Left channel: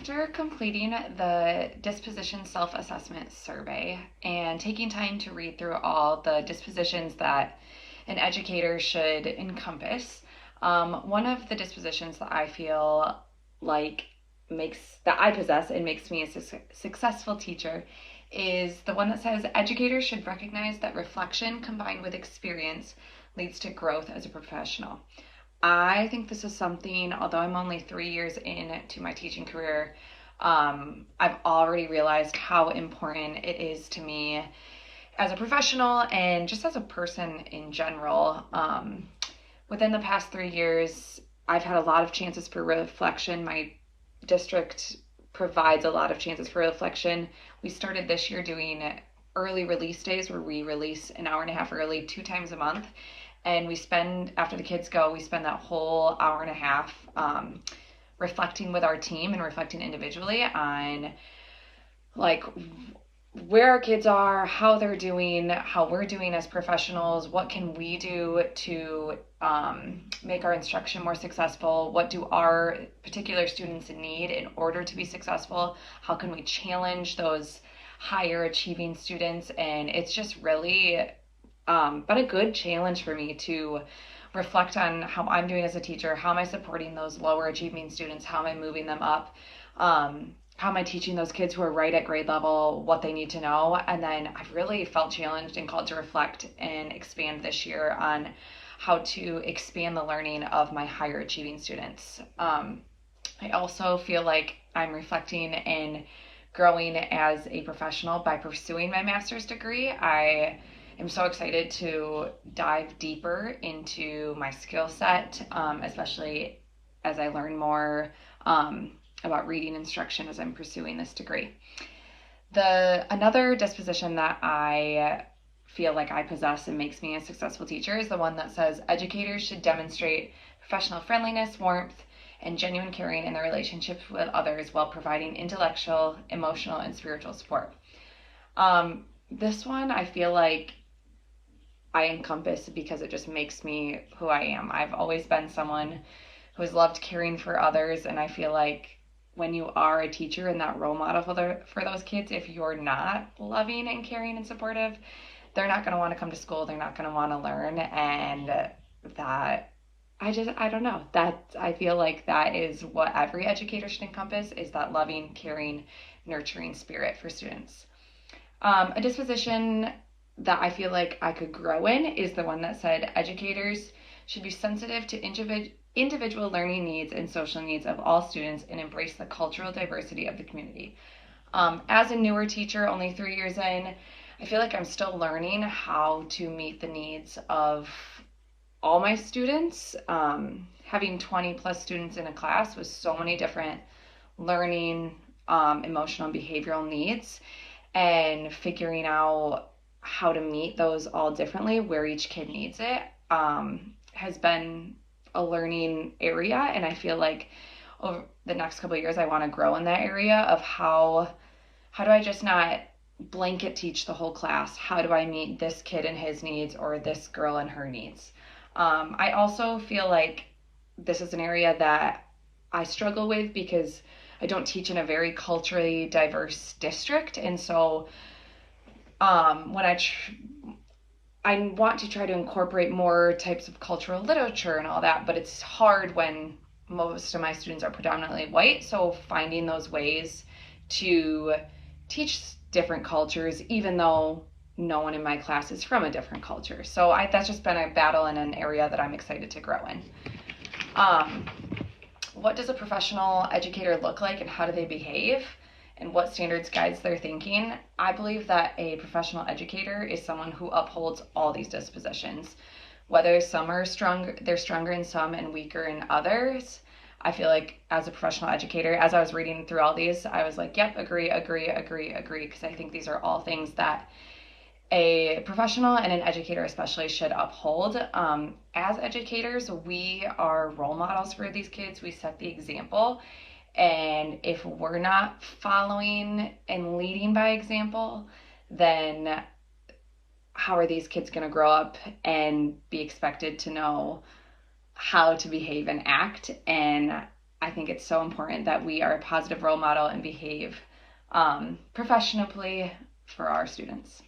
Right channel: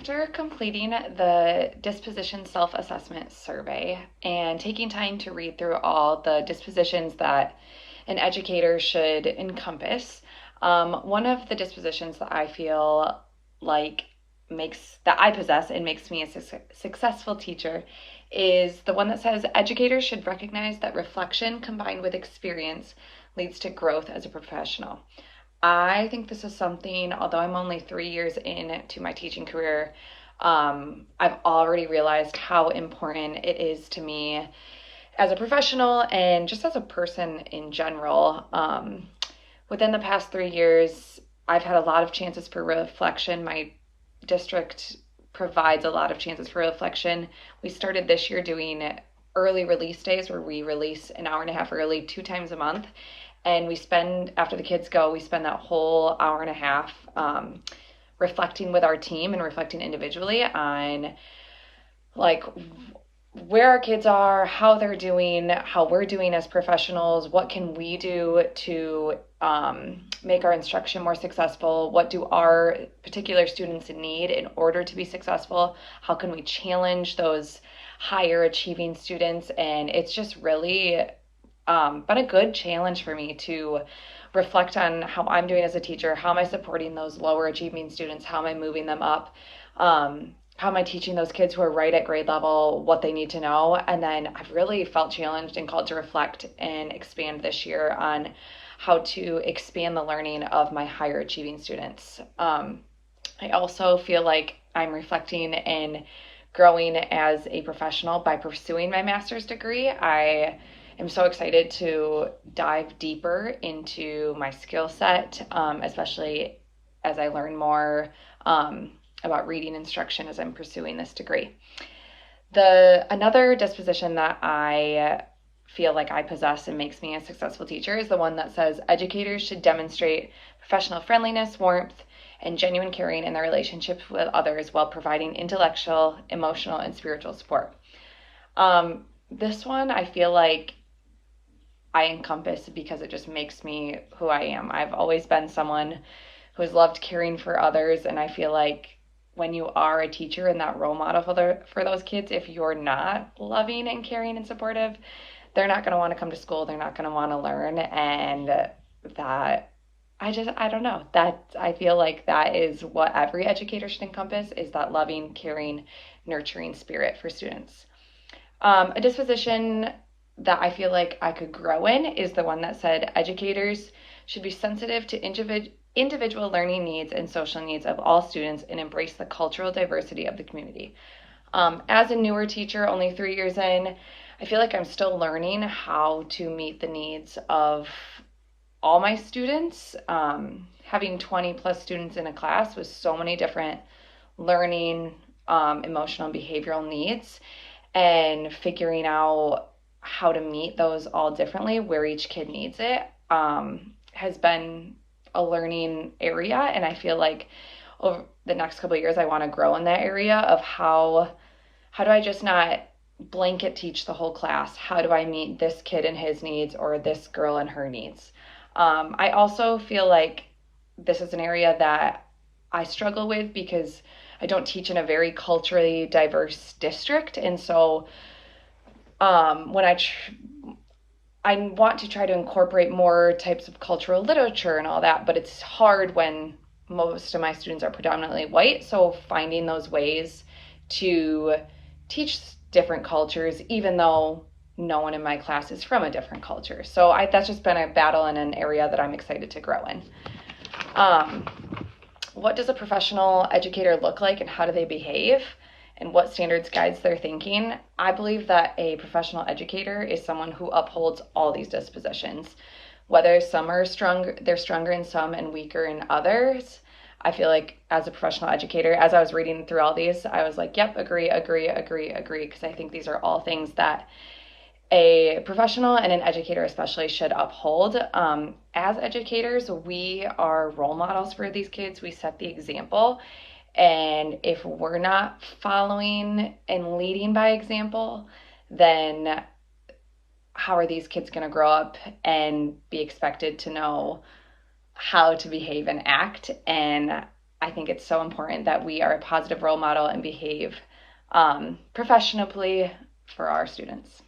After completing the Disposition Self-Assessment Survey and taking time to read through all the dispositions that an educator should encompass, one of the dispositions that I feel like that I possess and makes me a successful teacher is the one that says educators should recognize that reflection combined with experience leads to growth as a professional. I think this is something, although I'm only 3 years into my teaching career, I've already realized how important it is to me as a professional and just as a person in general. Within the past 3 years, I've had a lot of chances for reflection. My district provides a lot of chances for reflection. We started this year doing early release days where we release an hour and a half early 2 times a month. And after the kids go, we spend that whole hour and a half reflecting with our team and reflecting individually on like where our kids are, how they're doing, how we're doing as professionals, what can we do to make our instruction more successful, what do our particular students need in order to be successful, how can we challenge those higher achieving students. And it's just really been a good challenge for me to reflect on how I'm doing as a teacher. How am I supporting those lower achieving students? How am I moving them up? How am I teaching those kids who are right at grade level what they need to know? And then I've really felt challenged and called to reflect and expand this year on how to expand the learning of my higher achieving students. I also feel like I'm reflecting and growing as a professional by pursuing my master's degree. I am so excited to dive deeper into my skill set, especially as I learn more about reading instruction as I'm pursuing this degree. Another disposition that I feel like I possess and makes me a successful teacher is the one that says educators should demonstrate professional friendliness, warmth, and genuine caring in their relationships with others while providing intellectual, emotional, and spiritual support. This one I feel like I encompass because it just makes me who I am. I've always been someone who's loved caring for others, and I feel like when you are a teacher and that role model for those kids, if you're not loving and caring and supportive, they're not going to want to come to school. They're not going to want to learn. And that, I don't know. That I feel like that is what every educator should encompass, is that loving, caring, nurturing spirit for students. A disposition that I feel like I could grow in is the one that said educators should be sensitive to individual learning needs and social needs of all students and embrace the cultural diversity of the community. As a newer teacher, only 3 years in, I feel like I'm still learning how to meet the needs of all my students. Having 20 plus students in a class with so many different learning, emotional and behavioral needs, and figuring out how to meet those all differently, where each kid needs it, has been a learning area. And I feel like over the next couple of years, I want to grow in that area of how do I just not blanket teach the whole class? How do I meet this kid and his needs, or this girl and her needs? I also feel like this is an area that I struggle with because I don't teach in a very culturally diverse district. And so when I want to try to incorporate more types of cultural literature and all that, but it's hard when most of my students are predominantly white. So finding those ways to teach different cultures, even though no one in my class is from a different culture. So that's just been a battle in an area that I'm excited to grow in. What does a professional educator look like, and how do they behave, and what standards guides their thinking? I believe that a professional educator is someone who upholds all these dispositions, whether some are stronger, they're stronger in some and weaker in others. I feel like as a professional educator, as I was reading through all these, I was like, yep, agree, because I think these are all things that a professional and an educator especially should uphold. As educators, we are role models for these kids. We set the example. And if we're not following and leading by example, then how are these kids going to grow up and be expected to know how to behave and act? And I think it's so important that we are a positive role model and behave professionally for our students.